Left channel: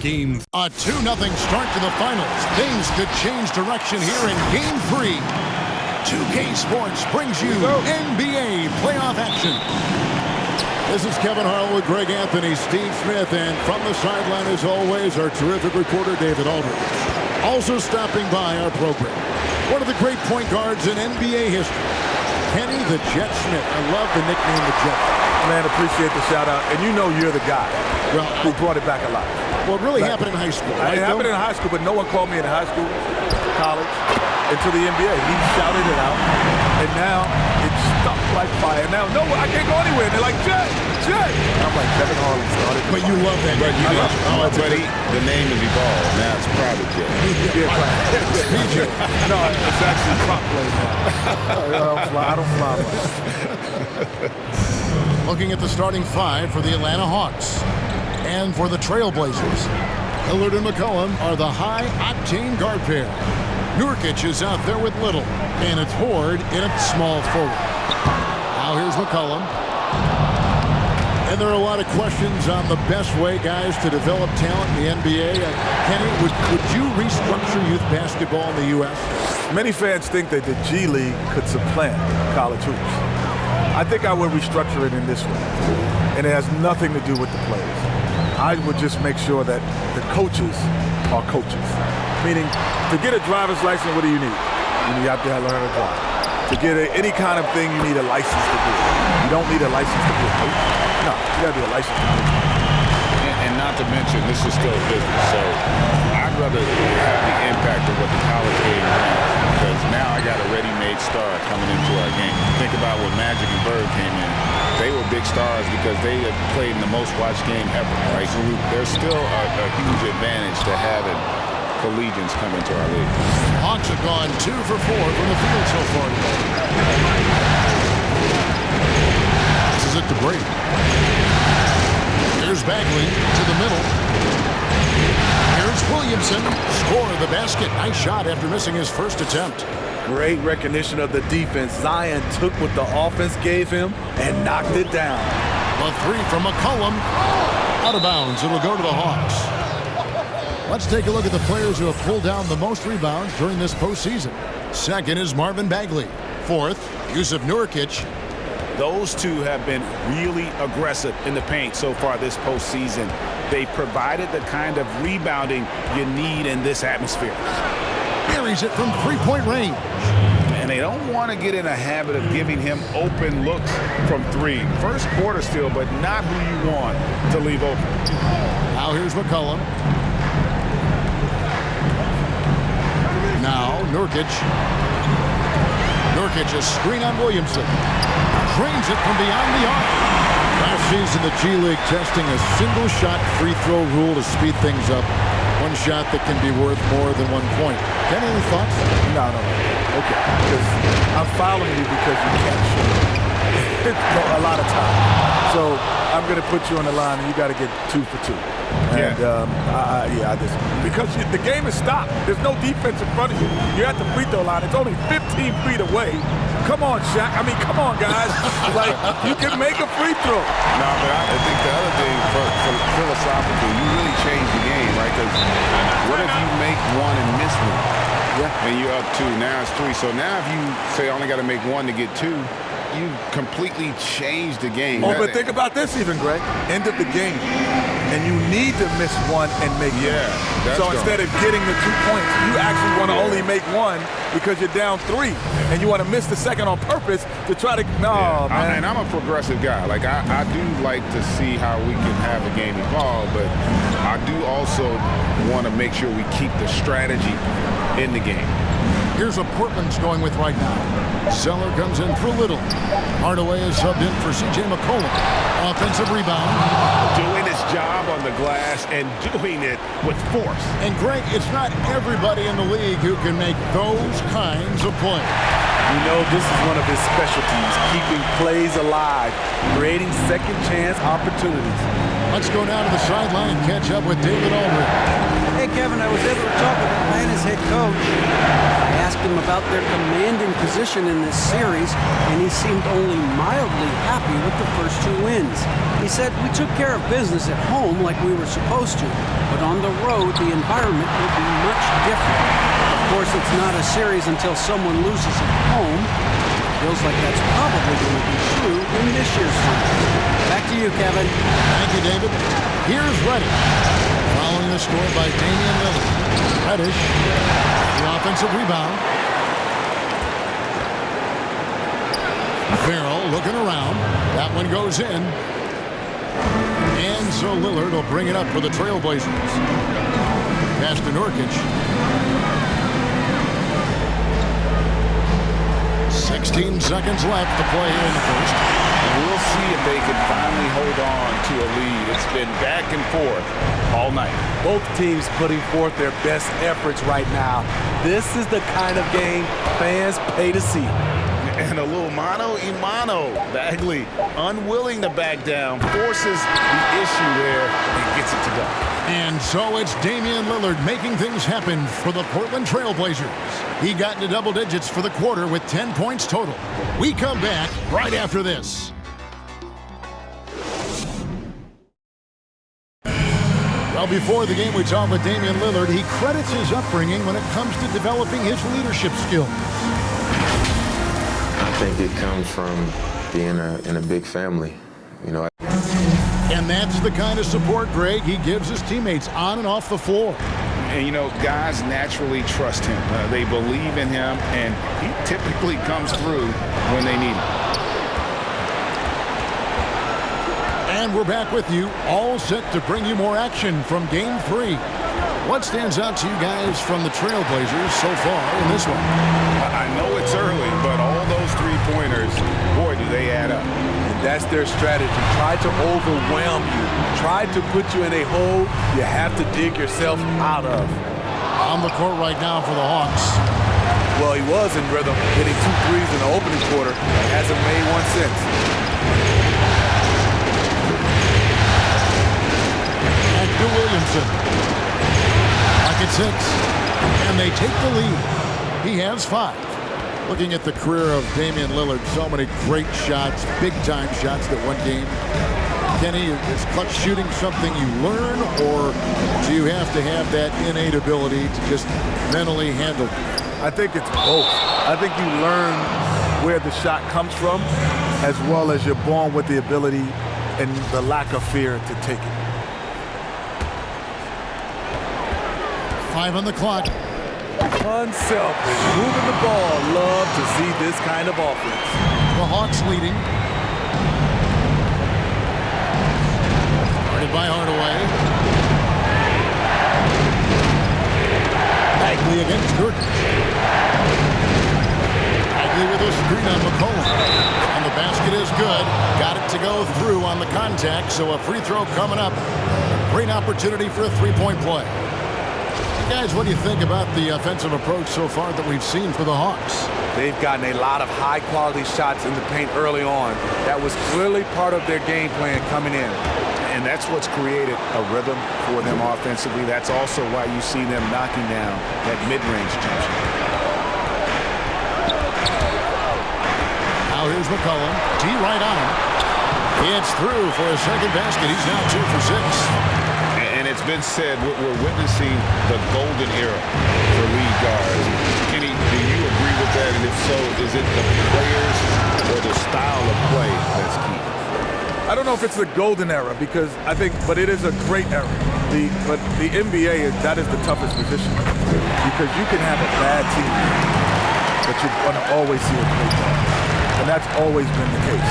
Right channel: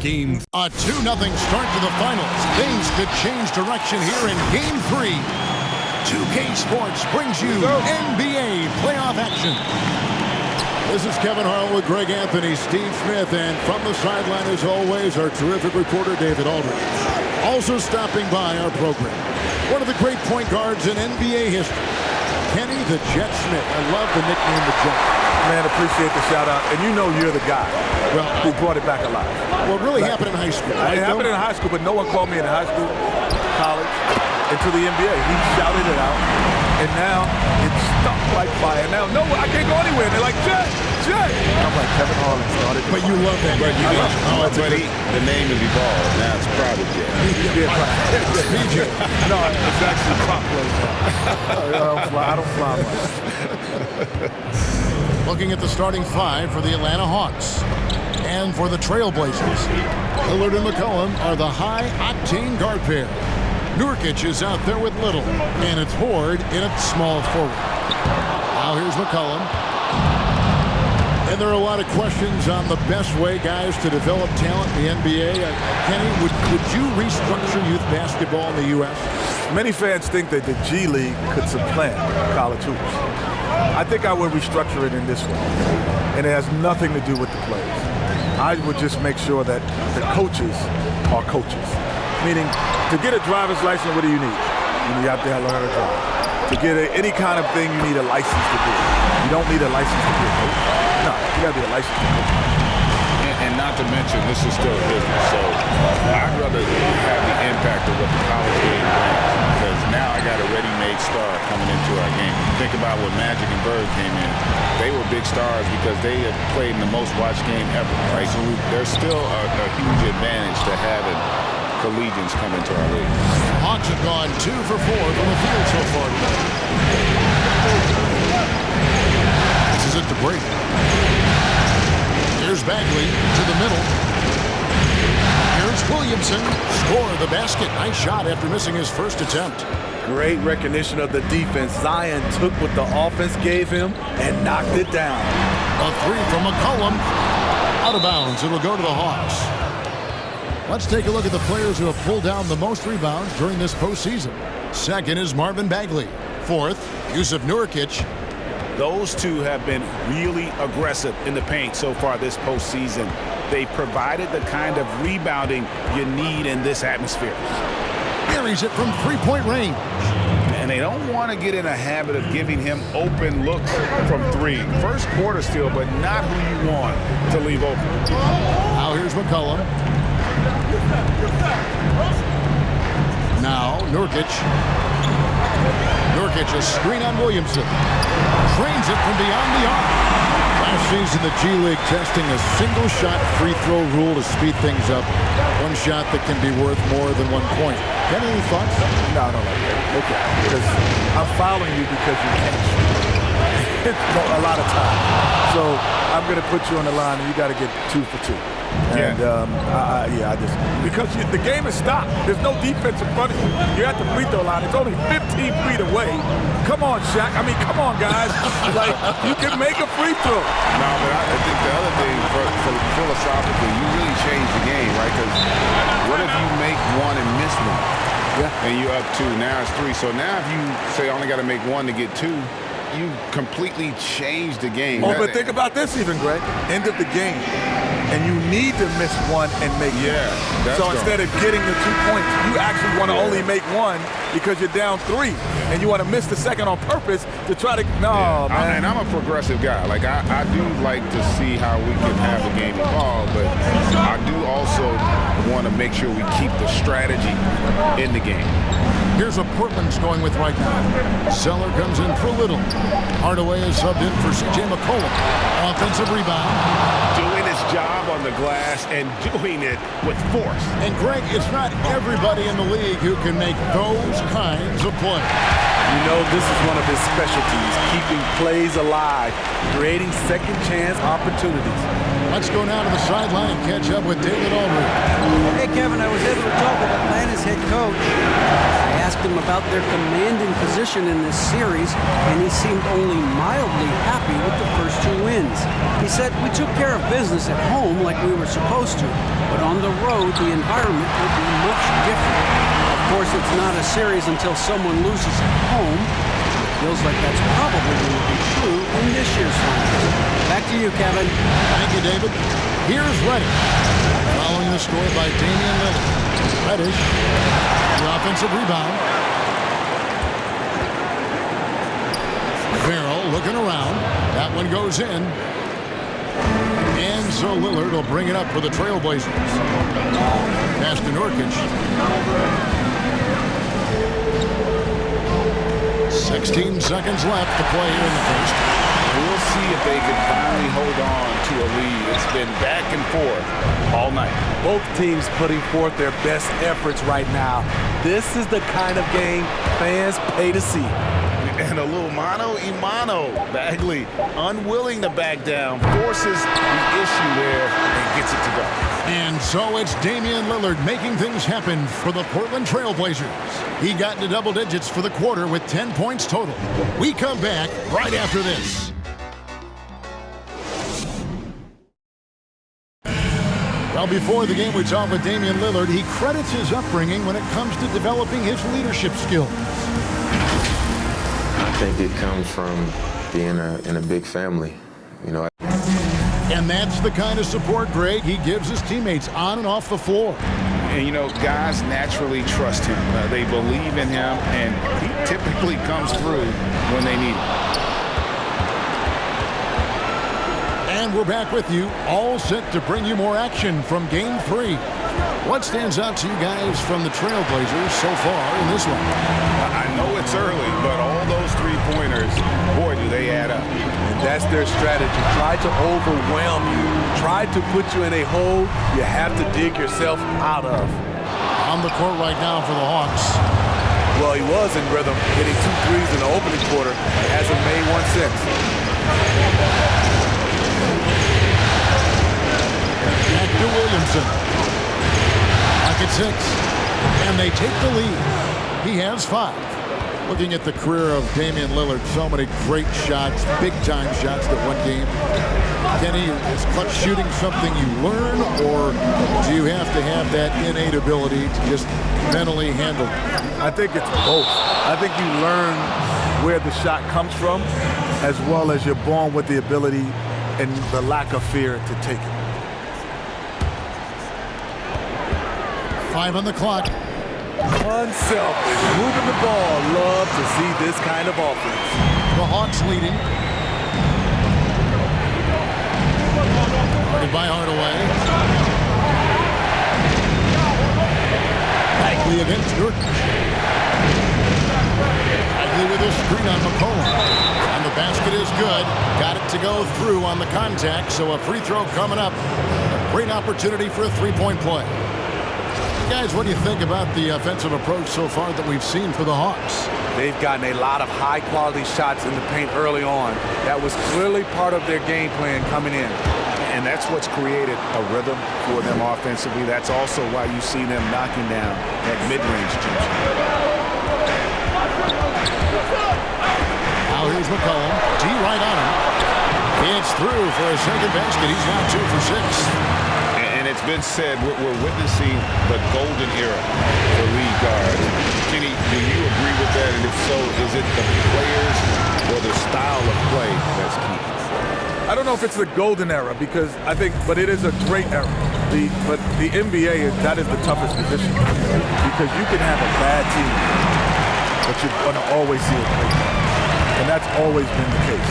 Game. A 2-0 start to the finals. Things could change direction here in Game 3. 2K Sports brings you NBA playoff action. This is Kevin Harlan with Greg Anthony, Steve Smith, and from the sideline, as always, our terrific reporter, David Aldridge. Also stopping by our program, one of the great point guards in NBA history, Kenny the Jet Smith. I love the nickname the Jet. Man, appreciate the shout-out. And you know you're the guy who brought it back alive. Well, it really happened in high school. It happened in high school, but no one called me in high school, college, until the NBA. He shouted it out, and now it's stuck like fire. Now, no, I can't go anywhere. They're like, Jet, Jet. I'm like, Kevin Harlan started. But you love that. But the name is evolved. Now it's Private Jet. PJ. No, it's actually prop play now. I don't fly much. Looking at the starting five for the Atlanta Hawks. And for the Trailblazers, Lillard and McCollum are the high-octane guard pair. Nurkic is out there with Little, and it's Horde in at small forward. Now here's McCollum. And there are a lot of questions on the best way, guys, to develop talent in the NBA. Kenny, would you restructure youth basketball in the U.S.? Many fans think that the G League could supplant college hoops. I think I would restructure it in this way, and it has nothing to do with the players. I would just make sure that the coaches are coaches. Meaning, to get a driver's license, what do you need? You have to learn how to drive. To get any kind of thing, you need a license to do it. You don't need a license to be a coach. No, you got to be a licensed coach. And not to mention, this is still a business. So I'd rather have the impact of what the college game brings, because now I got a ready-made star coming into our game. Think about when Magic and Bird came in. They were big stars because they had played in the most watched game ever, right? So there's still a huge advantage to having collegians come into our league. Hawks have gone 2 for 4 from the field so far today. This is it to break. Here's Bagley to the middle. Here's Williamson. Score the basket. Nice shot after missing his first attempt. Great recognition of the defense. Zion took what the offense gave him and knocked it down. A three from McCollum. Out of bounds. It'll go to the Hawks. Let's take a look at the players who have pulled down the most rebounds during this postseason. Second is Marvin Bagley. Fourth, Yusuf Nurkic. Those two have been really aggressive in the paint so far this postseason. They've provided the kind of rebounding you need in this atmosphere. Buries it from three-point range. And they don't want to get in a habit of giving him open looks from three. First quarter still, but not who you want to leave open. Now here's McCollum. Now Nurkic. Nurkic, a screen on Williamson. Trains it from beyond the arc. Last season, the G League testing a single-shot free throw rule to speed things up. One shot that can be worth more than 1 point. Kenny, any thoughts? No, I don't like that. Okay. Because I'm fouling you because you can't shoot. A lot of time. So I'm going to put you on the line, and you got to get 2 for 2. And I just because the game is stopped. There's no defense in front of you. You're at the free throw line. It's only 15 feet away. Come on, Shaq. I mean, come on, guys. Like, you can make a free throw. No, but I think the other thing, for philosophically, you really change the game, right? Because what if you make one and miss one? Yeah. And you're up 2. Now it's 3. So now if you say I only got to make 1 to get 2, you completely change the game. Oh, but think about this even, Greg. End of the game. And you need to miss 1 and make 1. So instead of getting the 2 points, you actually want to only make 1 because you're down 3. And you want to miss the second on purpose to try to, man. And I'm a progressive guy. Like, I do like to see how we can have the game evolve, but I do also want to make sure we keep the strategy in the game. Here's what Portland's going with right now. Zeller comes in for Little. Hardaway is subbed in for C.J. McCollum. Offensive rebound. Doing his job on the glass and doing it with force. And Greg, it's not everybody in the league who can make those kinds of plays. You know, this is one of his specialties, keeping plays alive, creating second chance opportunities. Let's go now to the sideline and catch up with David Aldridge. Hey, Kevin, I was able to talk with Atlanta's head coach. I asked him about their commanding position in this series, and he seemed only mildly happy with the first 2 wins. He said, "We took care of business at home like we were supposed to, but on the road, the environment will be much different. Of course, it's not a series until someone loses at home. It feels like that's probably going to be true in this year's finals." Back to you, Kevin. Thank you, David. Here's Reddish. Following the score by Damian Lillard. Reddish, the offensive rebound. Farrell looking around. That one goes in. And so Lillard will bring it up for the Trailblazers. Pass to Nurkic. 16 seconds left to play here in the first. We'll see if they can finally hold on to a lead. It's been back and forth all night. Both teams putting forth their best efforts right now. This is the kind of game fans pay to see. And a little mano-a-mano. Bagley, unwilling to back down, forces the issue there and gets it to go. And so it's Damian Lillard making things happen for the Portland Trailblazers. He got into double digits for the quarter with 10 points total. We come back right after this. Well, before the game, we talked with Damian Lillard. He credits his upbringing when it comes to developing his leadership skills. I think it comes from being in a big family, you know. And that's the kind of support, Greg, he gives his teammates on and off the floor. And, you know, guys naturally trust him. They believe in him, and he typically comes through when they need him. And we're back with you, all set to bring you more action from Game 3. What stands out to you guys from the Trailblazers so far in this one? I know it's early, but all those three-pointers, boy, do they add up. And that's their strategy. Try to overwhelm you. Try to put you in a hole you have to dig yourself out of. On the court right now for the Hawks. Well, he was in rhythm, hitting 2 threes in the opening quarter. Hasn't made one since. Back to Williamson. Back at 6. And they take the lead. He has 5. Looking at the career of Damian Lillard, so many great shots, big-time shots that won game. Kenny, is clutch shooting something you learn, or do you have to have that innate ability to just mentally handle it? I think it's both. I think you learn where the shot comes from, as well as you're born with the ability and the lack of fear to take it. 5 on the clock. Unselfish, moving the ball. Love to see this kind of offense. The Hawks leading. Guarded by Hardaway. Bagley against Nurkic. Bagley with a screen on McCollum. And the basket is good. Got it to go through on the contact, so a free throw coming up. A great opportunity for a three-point play. Guys, what do you think about the offensive approach so far that we've seen for the Hawks? They've gotten a lot of high-quality shots in the paint early on. That was clearly part of their game plan coming in. And that's what's created a rhythm for them offensively. That's also why you see them knocking down that mid-range jump shot. Now here's McCollum. D right on him. It's through for a second basket. He's now 2 for 6. And it's been said we're witnessing the golden era for lead guards. Kenny, do you agree with that? And if so, is it the players or the style of play that's key? I don't know if it's the golden era but it is a great era. But the NBA that is the toughest position because you can have a bad team, but you're going to always see a great guard. And that's always been the case.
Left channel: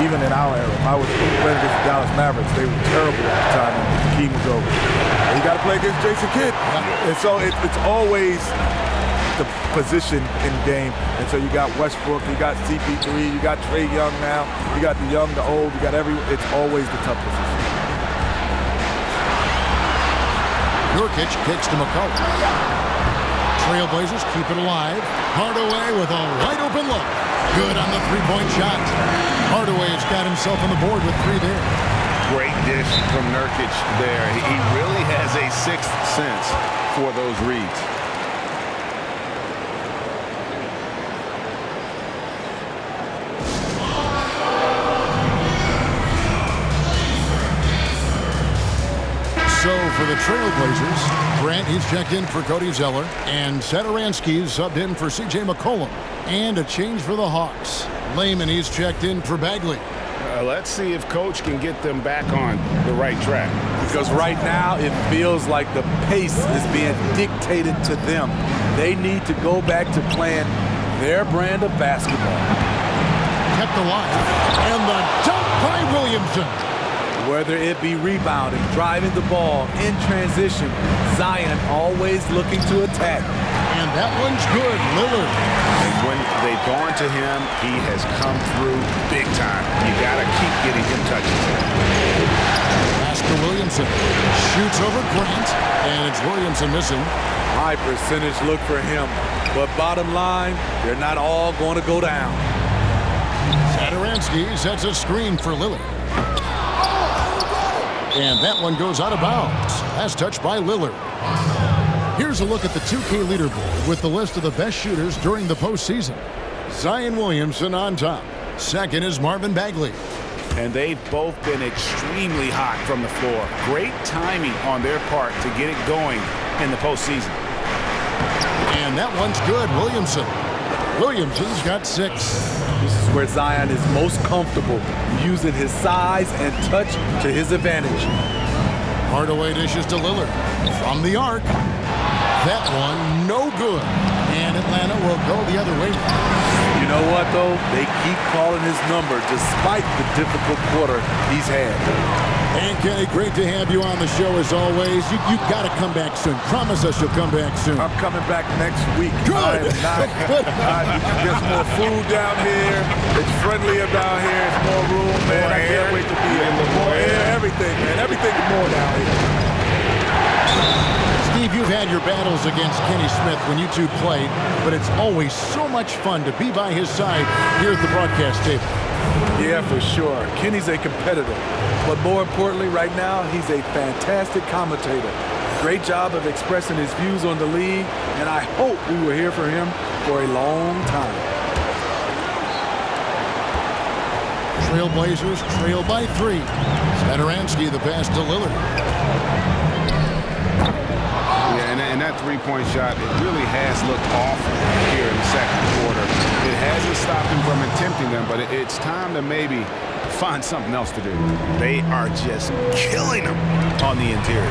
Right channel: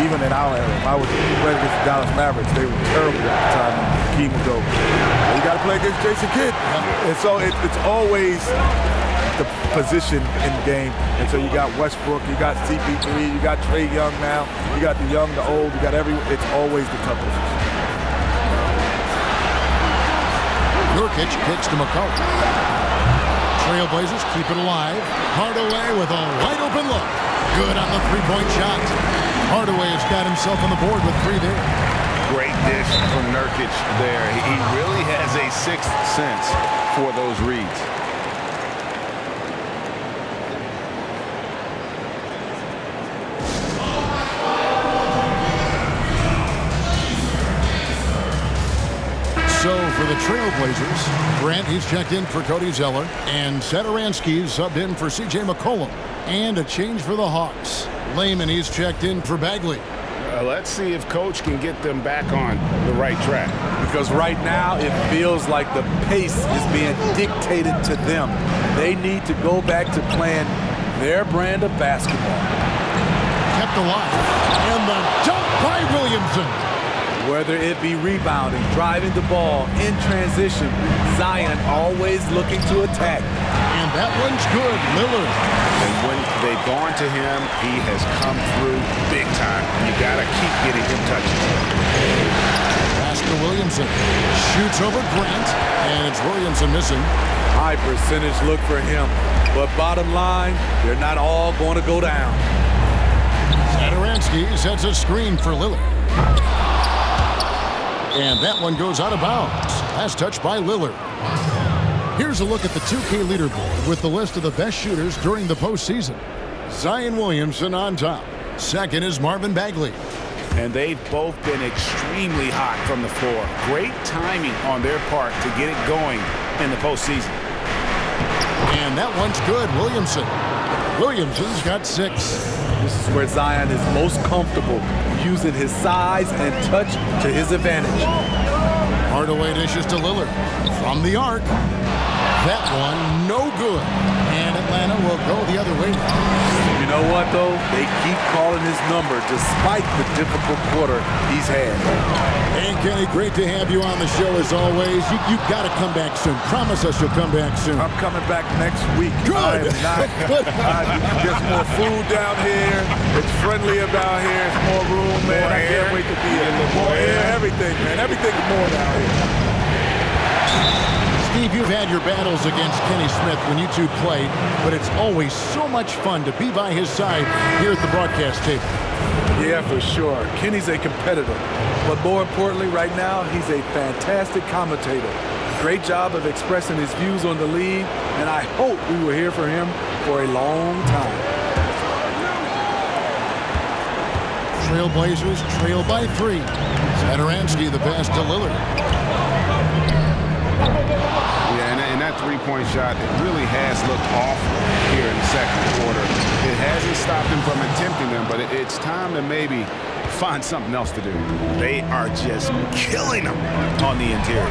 Even in our era, if I was playing against the Dallas Mavericks, they were terrible at the time. And Hakeem would go, well, you got to play against Jason Kidd. Yeah. And so it's always the position in game. And so you got Westbrook, you got CP3, you got Trae Young now, you got the young, the old, you got it's always the tough position. Nurkic kicks to McCollum. Trailblazers keep it alive. Hardaway with a wide open look. Good on the three-point shot. Hardaway has got himself on the board with 3 there. Great dish from Nurkic there. He really has a sixth sense for those reads. So for the Trailblazers, Grant, he's checked in for Cody Zeller, and Satoransky's subbed in for C.J. McCollum. And a change for the Hawks. Lehman, he's checked in for Bagley. Let's see if Coach can get them back on the right track. Because right now it feels like the pace is being dictated to them. They need to go back to playing their brand of basketball. Kept alive, and the dunk by Williamson. Whether it be rebounding, driving the ball, in transition, Zion always looking to attack. And that one's good, Lillard. And when they've gone to him, he has come through big time. You got to keep getting him touches. Pass to Williamson. Shoots over Grant, and it's Williamson missing. High percentage look for him. But bottom line, they're not all going to go down. Satoransky sets a screen for Lillard. And that one goes out of bounds. Last touch by Lillard. Here's a look at the 2K leaderboard with the list of the best shooters during the postseason. Zion Williamson on top. Second is Marvin Bagley. And they've both been extremely hot from the floor. Great timing on their part to get it going in the postseason. And that one's good, Williamson. Williamson's got 6. This is where Zion is most comfortable, using his size and touch to his advantage. Hardaway dishes to Lillard. From the arc. That one, no good. And Atlanta will go the other way. You know what, though? They keep calling his number despite the difficult quarter he's had. And Kenny, great to have you on the show as always. You got to come back soon. Promise us you'll come back soon. I'm coming back next week. Good. I am not. There's more food down here. It's friendlier down here. It's more room, man. I can't wait to be here. More air, everything, man. Everything is more down here. Steve, you've had your battles against Kenny Smith when you two played, but it's always so much fun to be by his side here at the broadcast table. Yeah, for sure. Kenny's a competitor, but more importantly, right now, he's a fantastic commentator. Great job of expressing his views on the league, and I hope we will hear from him for a long time. Trailblazers trail by 3. Satoransky the pass to Lillard. Yeah, and that three-point shot, it really has looked off here in the second quarter. It hasn't stopped him from attempting them, but it's time to maybe find something else to do. They are just killing him on the interior.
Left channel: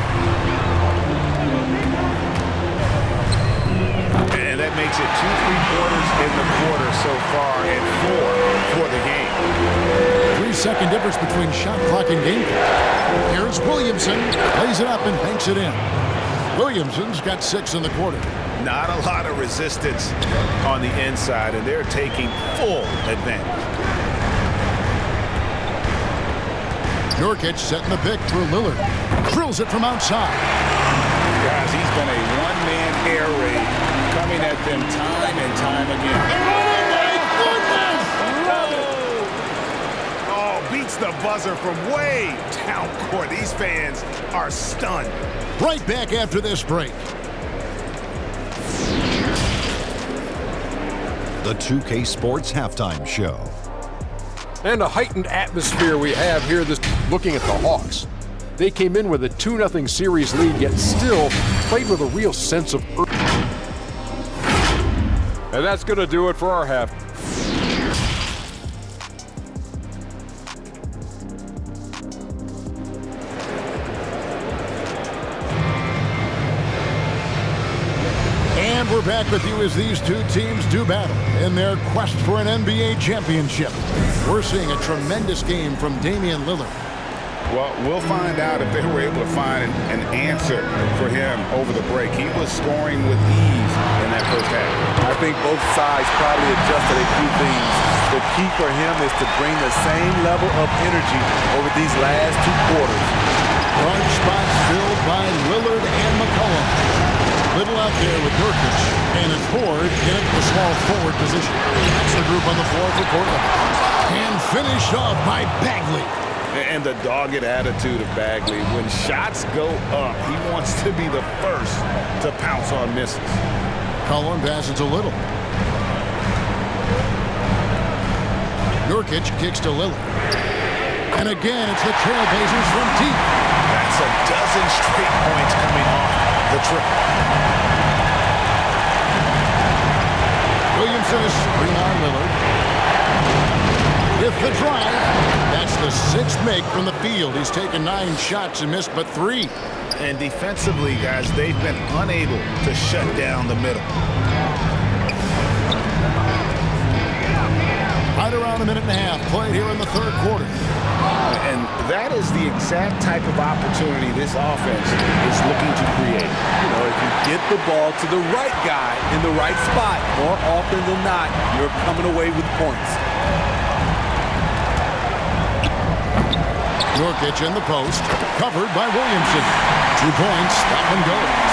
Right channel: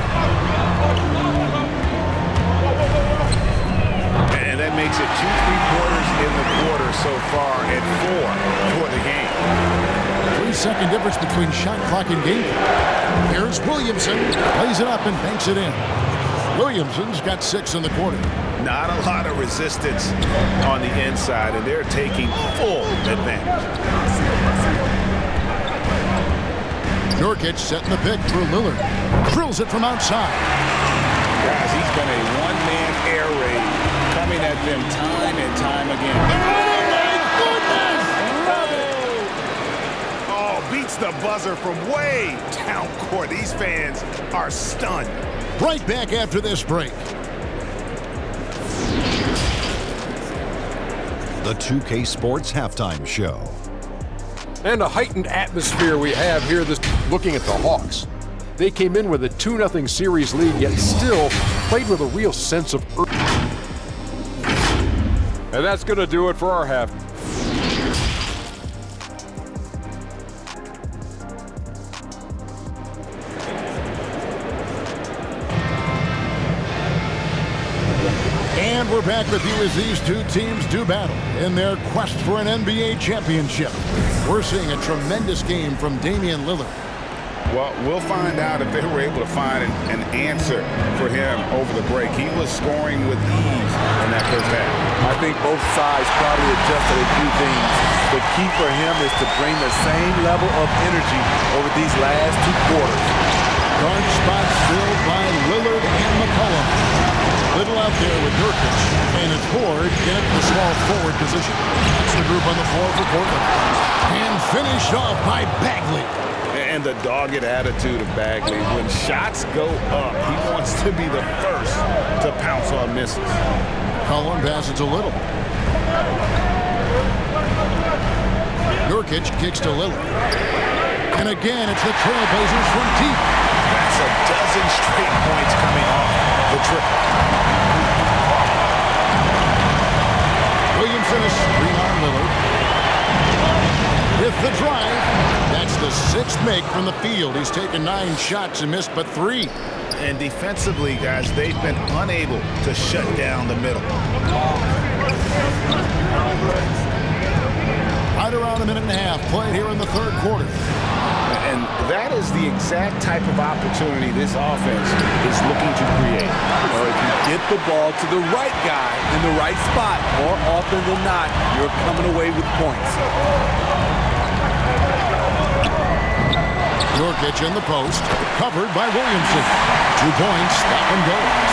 And that makes it 2 3-pointers in the quarter so far and 4 for the game. 3-second difference between shot clock and game clock. Here's Williamson. Plays it up and banks it in. Williamson's got 6 in the quarter. Not a lot of resistance on the inside, and they're taking full advantage. Nurkic setting the pick for Lillard. Drills it from outside. Guys, he's been a one-man air raid coming at them time and time again. Oh, my goodness! Oh, beats the buzzer from way down court. These fans are stunned. Right back after this break. The 2K Sports Halftime Show. And a heightened atmosphere we have here looking at the Hawks. They came in with a 2-0 series lead, yet still played with a real sense of urgency. And that's going to do it for our half. And we're back with you as these two teams do battle in their quest for an NBA championship. We're seeing a tremendous game from Damian Lillard. Well, we'll find out if they were able to find an answer for him over the break. He was scoring with ease in that first half. I think both sides probably adjusted a few things. The key for him is to bring the same level of energy over these last 2 quarters. Guard spots filled by Lillard and McCollum. Little out there with Nurkic, and it's Ford in the small forward position. That's the group on the floor for Portland. And finished off by Bagley. And the dogged attitude of Bagley. When shots go up, he wants to be the first to pounce on misses. McCollum passes a little. Nurkic kicks to Lillard. And again, it's the Trailblazers from deep. That's a dozen straight points coming off the trip. Williamson is screen on Lillard. With the drive, that's the 6th make from the field. He's taken 9 shots and missed but 3. And defensively, guys, they've been unable to shut down the middle. Right around a minute and a half played here in the 3rd quarter. And that is the exact type of opportunity this offense is looking to create. You know, if you get the ball to the right guy in the right spot, more often than not, you're coming away with points. Nurkic in the post, covered by Williamson. 2 points, that one goes.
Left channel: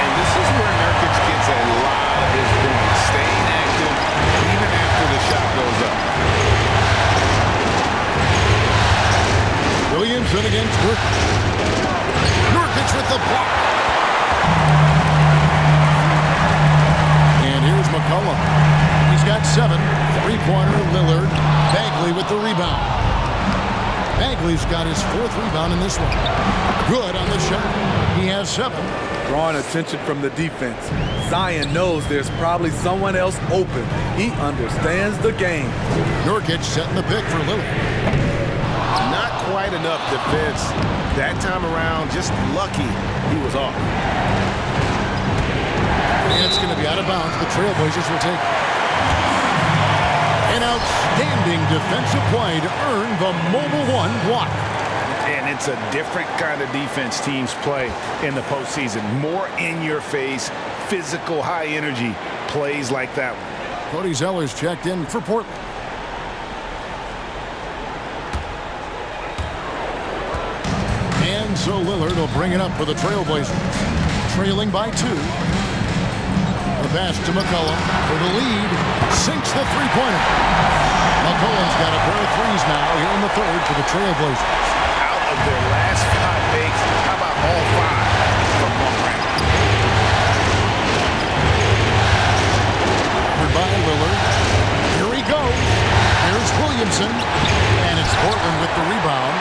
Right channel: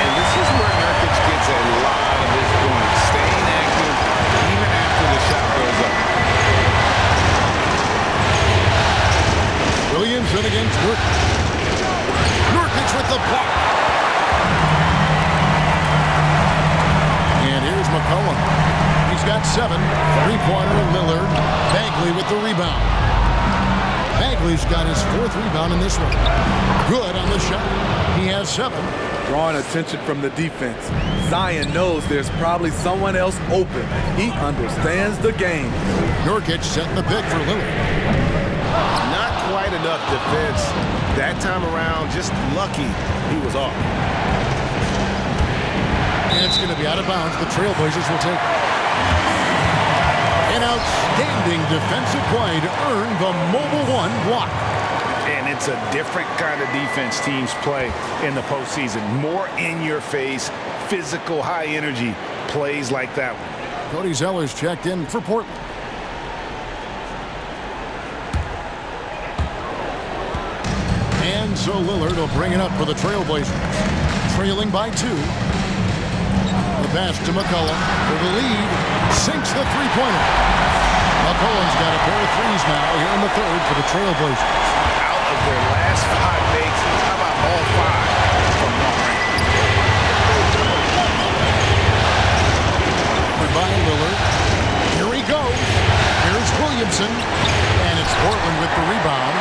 And this is where Nurkic gets a lot of his points, staying active even after the shot goes up. Williamson against Nurkic. Nurkic with the block. And here's McCollum. He's got 7. 3-pointer, Lillard. Bagley with the rebound. Bagley's got his 4th rebound in this one. Good on the shot. He has 7. Drawing attention from the defense. Zion knows there's probably someone else open. He understands the game. Nurkic setting the pick for Lillard. Not quite enough defense. That time around, just lucky he was off. And it's going to be out of bounds. The Trailblazers will take it. An outstanding defensive play to earn the Mobile One block. And it's a different kind of defense teams play in the postseason. More in-your-face, physical, high-energy plays like that one. Cody Zeller's checked in for Portland. And so Lillard will bring it up for the Trailblazers. Trailing by 2. The pass to McCollum for the lead. Sinks the 3-pointer. McCollum's got a pair of 3s now here in the 3rd for the Trailblazers. Out of their last 5 makes, how about all 5 from long range? Covered by Lillard. Here he goes. Here's Williamson. And it's Portland with the rebound.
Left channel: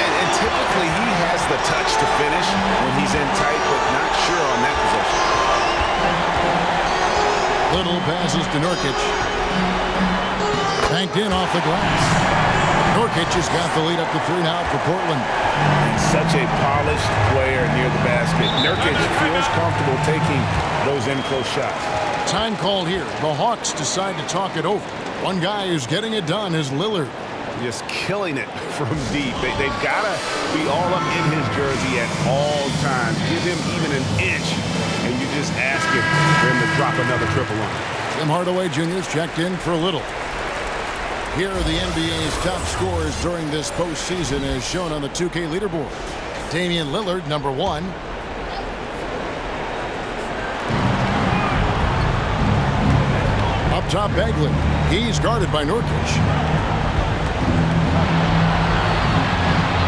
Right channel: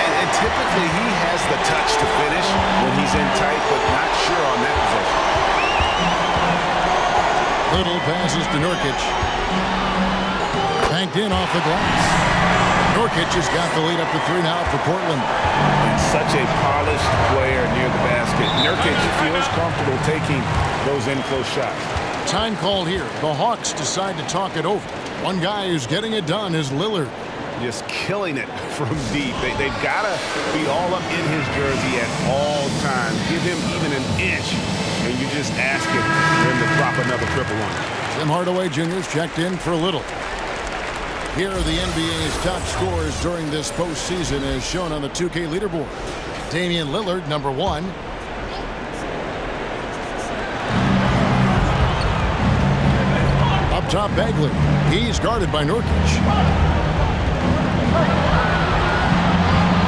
And typically he has the touch to finish when he's in tight, but not sure on that possession. Little passes to Nurkic. Banked in off the glass. Nurkic has got the lead up to 3 now for Portland. And such a polished player near the basket. Nurkic feels comfortable taking those in-close shots. Time called here. The Hawks decide to talk it over. One guy who's getting it done is Lillard. Just killing it from deep. They've got to be all up in his jersey at all times. Give him even an inch, and you just ask him for him to drop another triple on it. Tim Hardaway Jr.'s checked in for Little. Here are the NBA's top scorers during this postseason as shown on the 2K leaderboard. Damian Lillard, number 1. Up top, Bagley. He's guarded by Nurkic.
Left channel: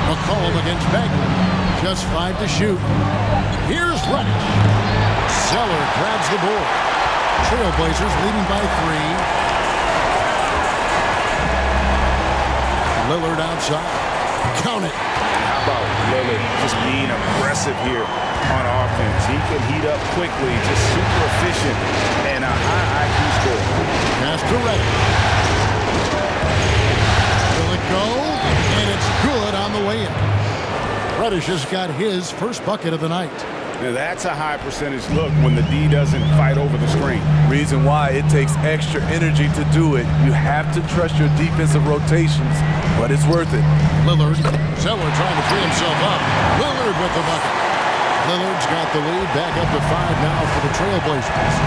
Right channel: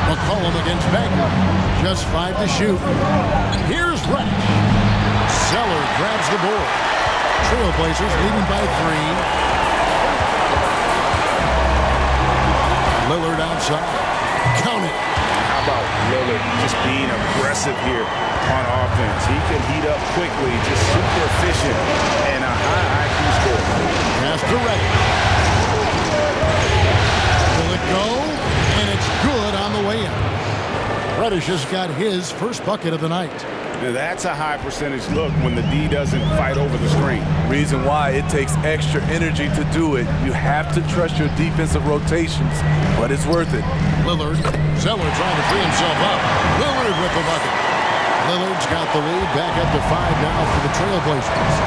McCollum against Bagley. Just 5 to shoot. Here's Reddish. Zeller grabs the board. Trailblazers leading by 3. Lillard outside. Count it. And how about Lillard just being aggressive here on offense? He can heat up quickly, just super efficient, and a high IQ score. Pass to Reddish. Will it go? And it's good on the way in. Reddish has got his first bucket of the night. Now that's a high percentage look when the D doesn't fight over the screen. Reason why it takes extra energy to do it. You have to trust your defensive rotations, but it's worth it. Lillard. Zeller trying to free himself up. Lillard with the bucket. Lillard's got the lead back up to 5 now for the Trailblazers.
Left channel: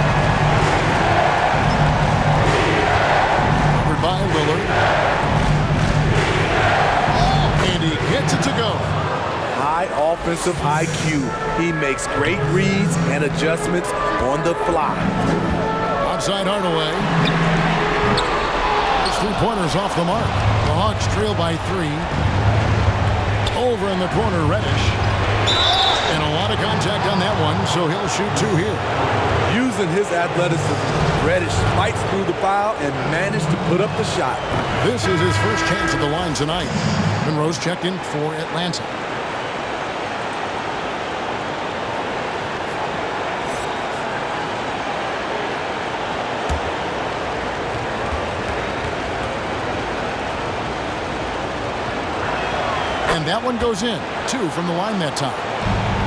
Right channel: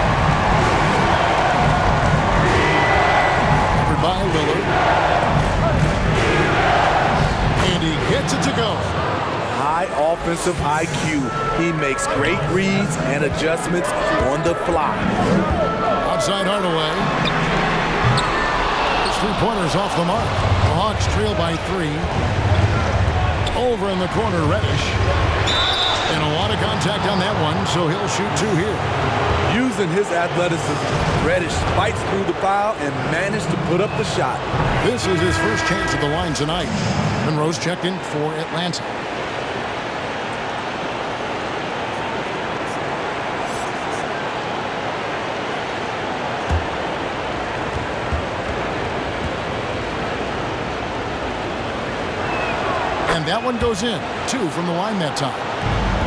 Covered by Lillard. And he gets it to go. High offensive IQ. He makes great reads and adjustments on the fly. Outside Hardaway. His 3-pointer's off the mark. The Hawks trail by 3. Over in the corner, Reddish. And a lot of contact on that one, so he'll shoot 2 here. Using his athleticism, Reddish fights through the foul and managed to put up the shot. This is his first chance at the line tonight. Monroe's checked in for Atlanta. And that one goes in. 2 from the line that time.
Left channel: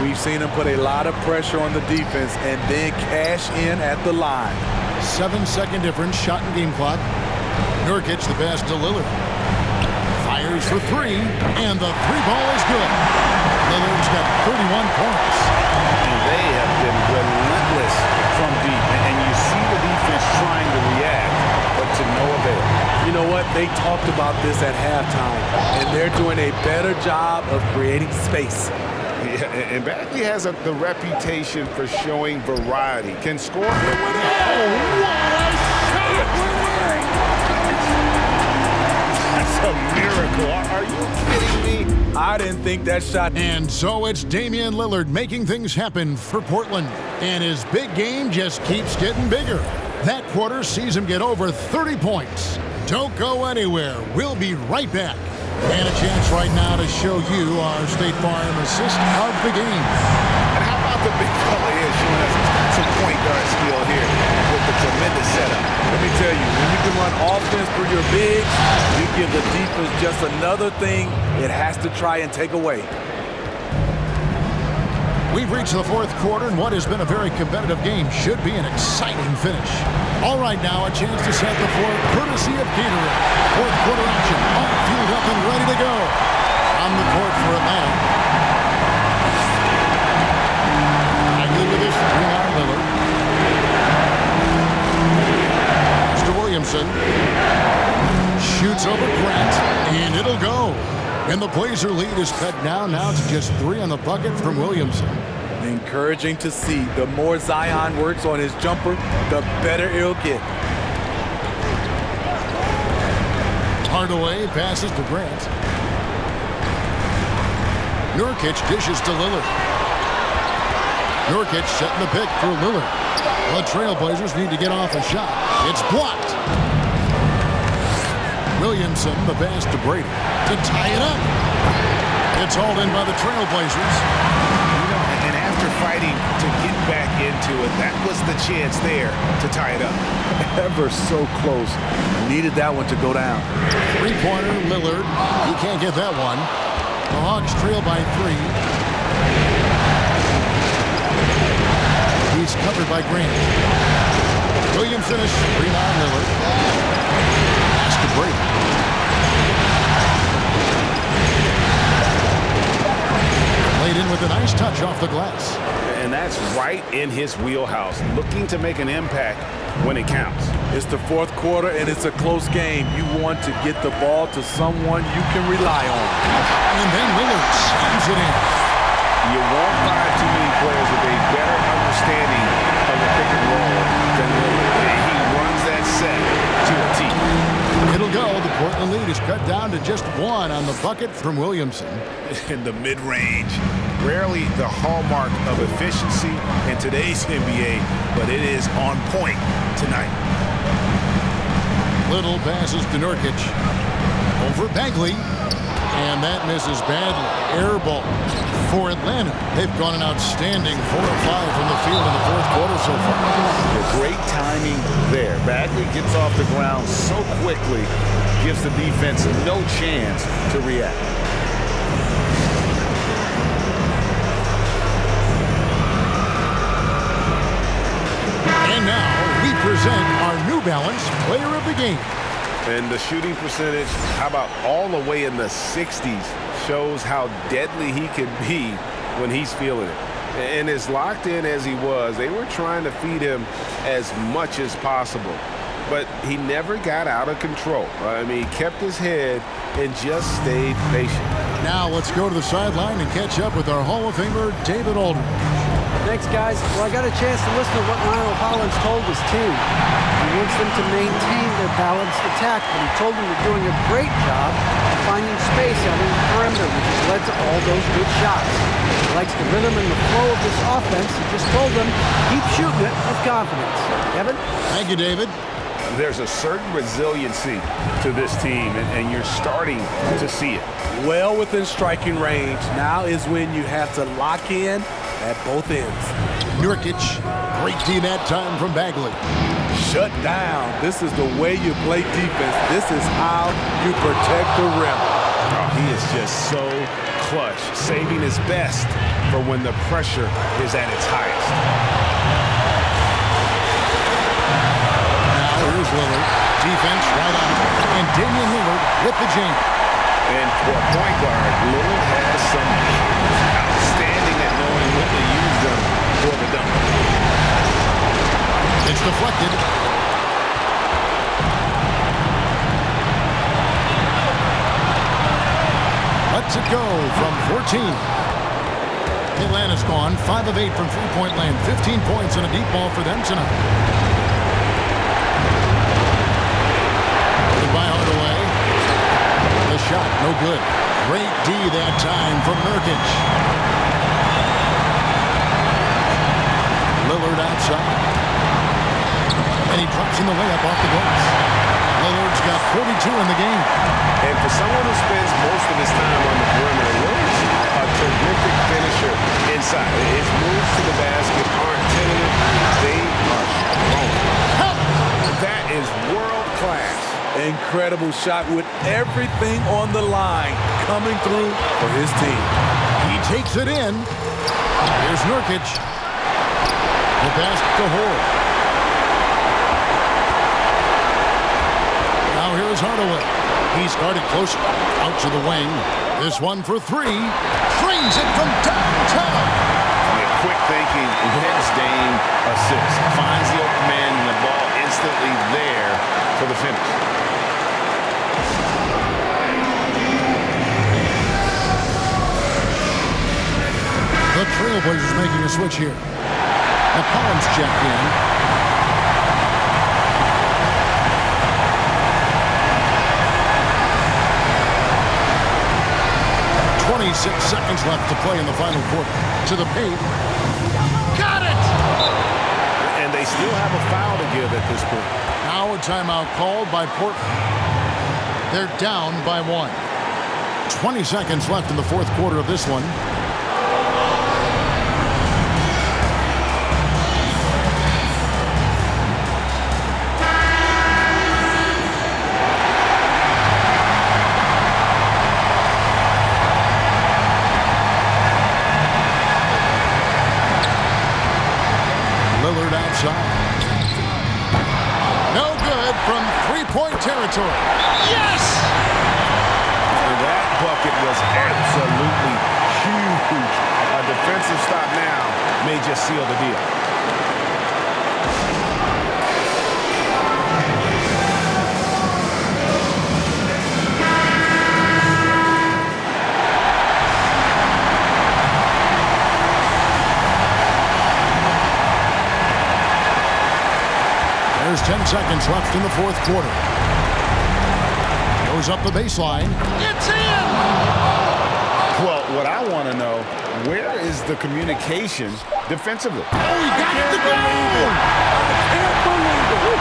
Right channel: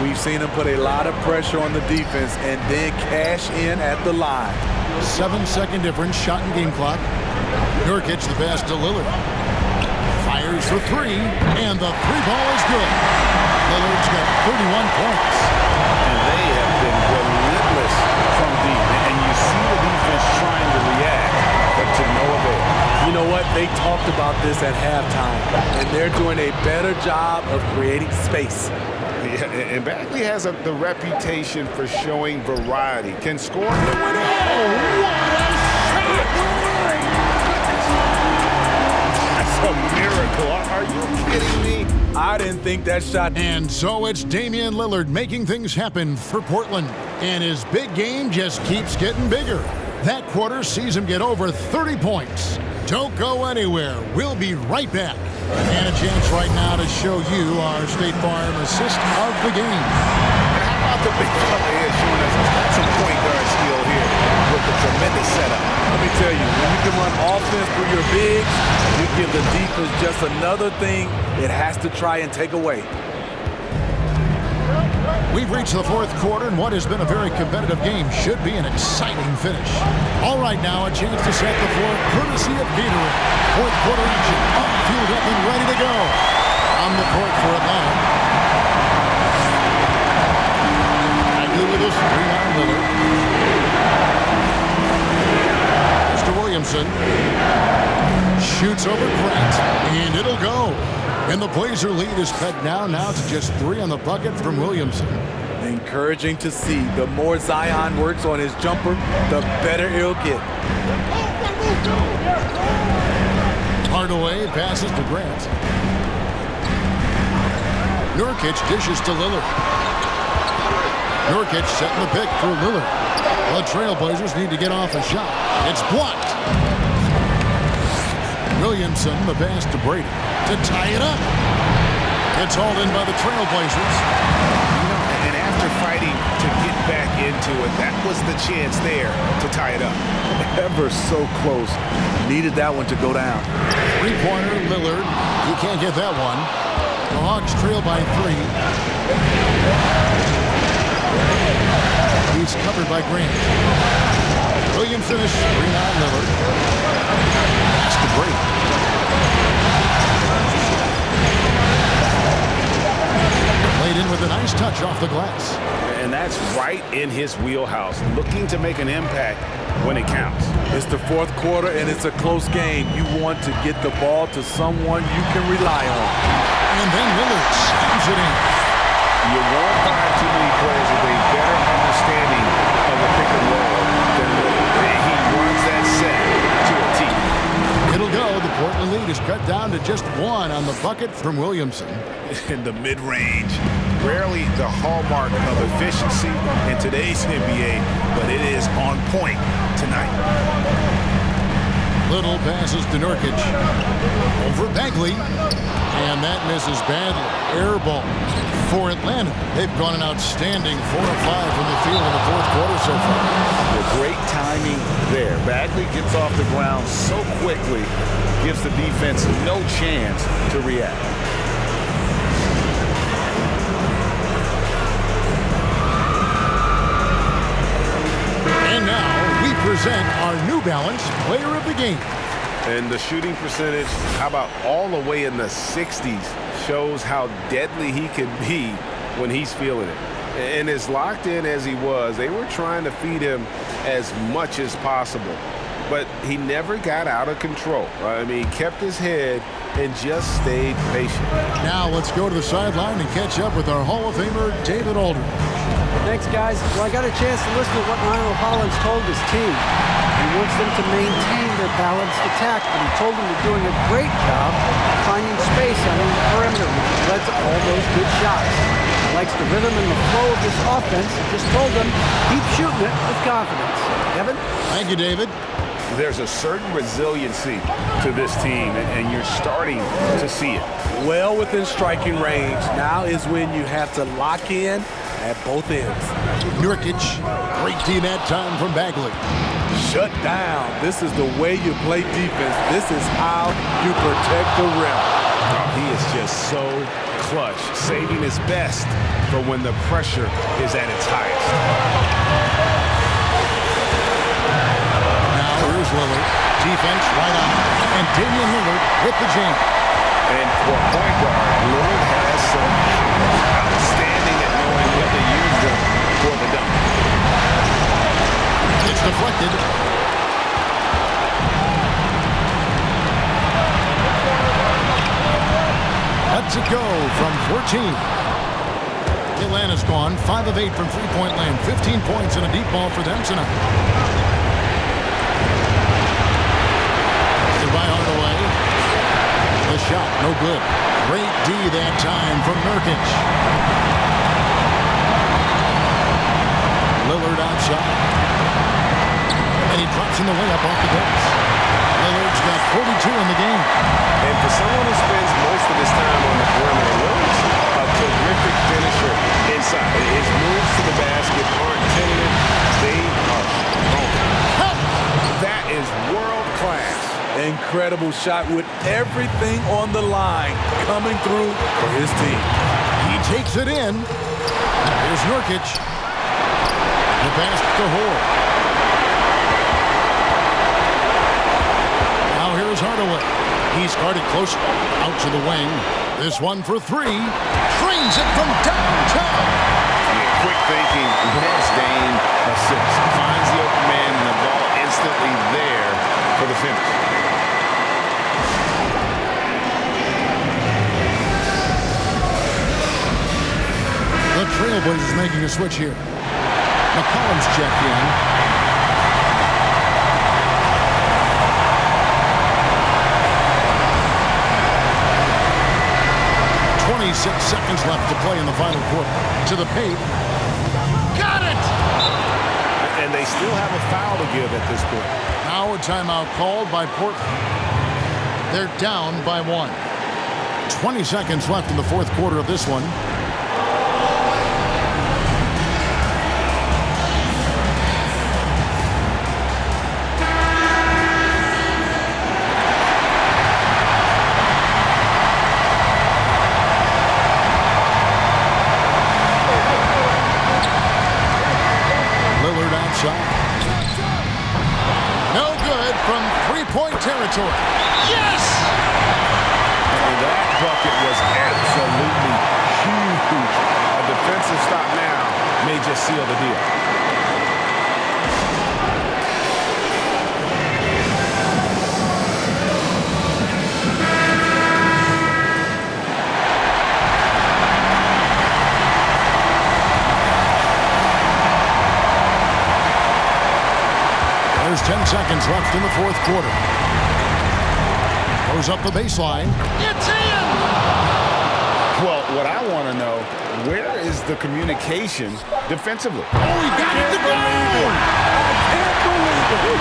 We've seen him put a lot of pressure on the defense and then cash in at the line. 7-second difference, shot and game clock. Nurkic, the pass to Lillard. Fires for 3, and the 3-ball is good. Lillard's got 31 points. And they have been relentless from deep. And you see the defense trying to react, but to no avail. You know what? They talked about this at halftime, and they're doing a better job of creating space. Yeah, and Bagley has the reputation for showing variety. Can score. It went in. Oh, what a shot! My goodness. That's a miracle. Are you kidding me? I didn't think that shot. And so it's Damian Lillard making things happen for Portland. And his big game just keeps getting bigger. That quarter sees him get over 30 points. Don't go anywhere. We'll be right back. And a chance right now to show you our State Farm assist of the game. And how about the big fella here showing us he's got some point guard skill here with the tremendous setup. Let me tell you, when you can run offense through your bigs, you give the defense just another thing it has to try and take away. We've reached the fourth quarter, and what has been a very competitive game should be an exciting finish. All right, now a chance to set the floor courtesy of Gatorade. Fourth quarter action, all fueled up and ready to go. On the court for Atlanta. Bagley with his 3-9 Lillard. Mr. Williamson shoots over Grant, and it'll go. And the Blazer lead is cut down now to just 3 on the bucket from Williamson. Encouraging to see. The more Zion works on his jumper, the better it'll get. Hardaway passes to Grant. Nurkic dishes to Lillard. Nurkic setting the pick for Lillard. The Trailblazers need to get off a shot. It's blocked. Williamson, the pass to Brady to tie it up. It's hauled in by the Trailblazers. You know, and after fighting to get back into it, that was the chance there to tie it up. Ever so close. Needed that one to go down. 3-pointer, Lillard. He can't get that one. The Hawks trail by 3. He's covered by Grant. Williamson is 3-9 Lillard. Pass to Brady. Laid in with a nice touch off the glass. And that's right in his wheelhouse, looking to make an impact when it counts. It's the fourth quarter, and it's a close game. You want to get the ball to someone you can rely on. And then Lillard slams it in. You won't find too many players with a better understanding of the pick and roll than Lillard. He runs that set to a T. It'll go. The Portland lead is cut down to just 1 on the bucket from Williamson. In the mid-range, rarely the hallmark of efficiency in today's NBA, but it is on point tonight. Little passes to Nurkic. Over Bagley. And that misses badly. Air ball for Atlanta. They've gone an outstanding 4 of 5 from the field in the fourth quarter so far. The great timing there. Bagley gets off the ground so quickly, gives the defense no chance to react. And now we present our New Balance Player of the Game. And the shooting percentage, how about all the way in the 60s, shows how deadly he can be when he's feeling it. And as locked in as he was, they were trying to feed him as much as possible. But he never got out of control. I mean, he kept his head and just stayed patient. Now let's go to the sideline and catch up with our Hall of Famer, David Aldridge. Thanks, guys. Well, I got a chance to listen to what Lionel Hollins told his team. He wants them to maintain their balanced attack, but he told them they're doing a great job of finding space out in the perimeter, which has led to all those good shots. He likes the rhythm and the flow of this offense. He just told them, keep shooting it with confidence. Kevin? Thank you, David. There's a certain resiliency to this team, and you're starting to see it. Well within striking range. Now is when you have to lock in at both ends. Nurkic, great D that time from Bagley. Shut down. This is the way you play defense. This is how you protect the rim. Oh, he is just so clutch, saving his best for when the pressure is at its highest. Now here's Lillard. Defense right on him. And Damian Lillard with the jam. And for a point guard, Lillard has some hops. Outstanding at knowing when to use them for the dunk. It's deflected. Lets it go from 14. Atlanta's gone 5 of 8 from three-point land. 15 points and a deep ball for them tonight. By Hardaway. The shot, no good. Great D that time from Nurkic. Lillard outside. And he drops in the layup off the glass. Lillard's got 42 in the game. And for someone who spends most of his time on the perimeter, Lillard's a terrific finisher inside. His moves to the basket aren't tentative. They are strong. That is world class. Incredible shot with everything on the line coming through for his team. He takes it in. Here's Nurkic. The pass to Hall. Now here's Hardaway. He's guarded close out to the wing. This one for three. Trains it from downtown. Yeah, quick thinking, wins Dame assist. Finds the open man and the ball instantly there for the finish. The Trailblazers making a switch here. McCollum's checked in. .26 seconds left to play in the final quarter. To the paint. Got it! And they still have a foul to give at this point. Now a timeout called by Portland. They're down by 1. 20 seconds left in the fourth quarter of this one. Lillard outside. No good from three-point territory. Yes! And that bucket was absolutely huge. A defensive stop now may just seal the deal. There's 10 seconds left in the fourth quarter. Goes up the baseline. It's in! Well, what I want to know, where is the communication defensively? Oh, he got it to go! I can't believe it!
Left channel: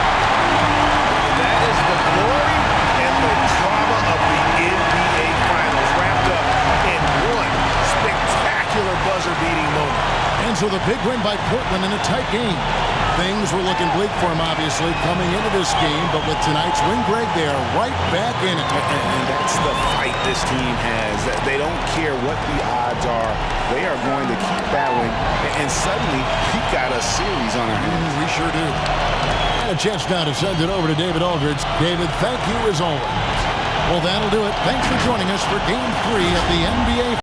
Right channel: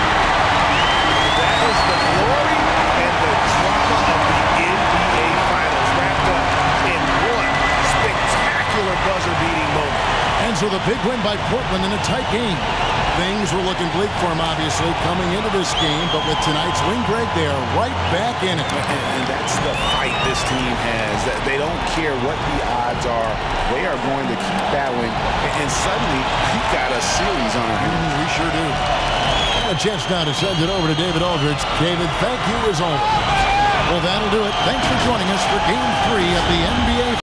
That is the glory and the drama of the NBA Finals wrapped up in one spectacular buzzer-beating moment. And so the big win by Portland in a tight game. Things were looking bleak for him, obviously, coming into this game. But with tonight's win, Greg, they are right back in it. And that's the fight this team has. They don't care what the odds are. They are going to keep battling. And suddenly, we got a series on our hands. We sure do. And a chance now to send it over to David Aldridge. David, thank you as always. Well, that'll do it. Thanks for joining us for Game 3 of the NBA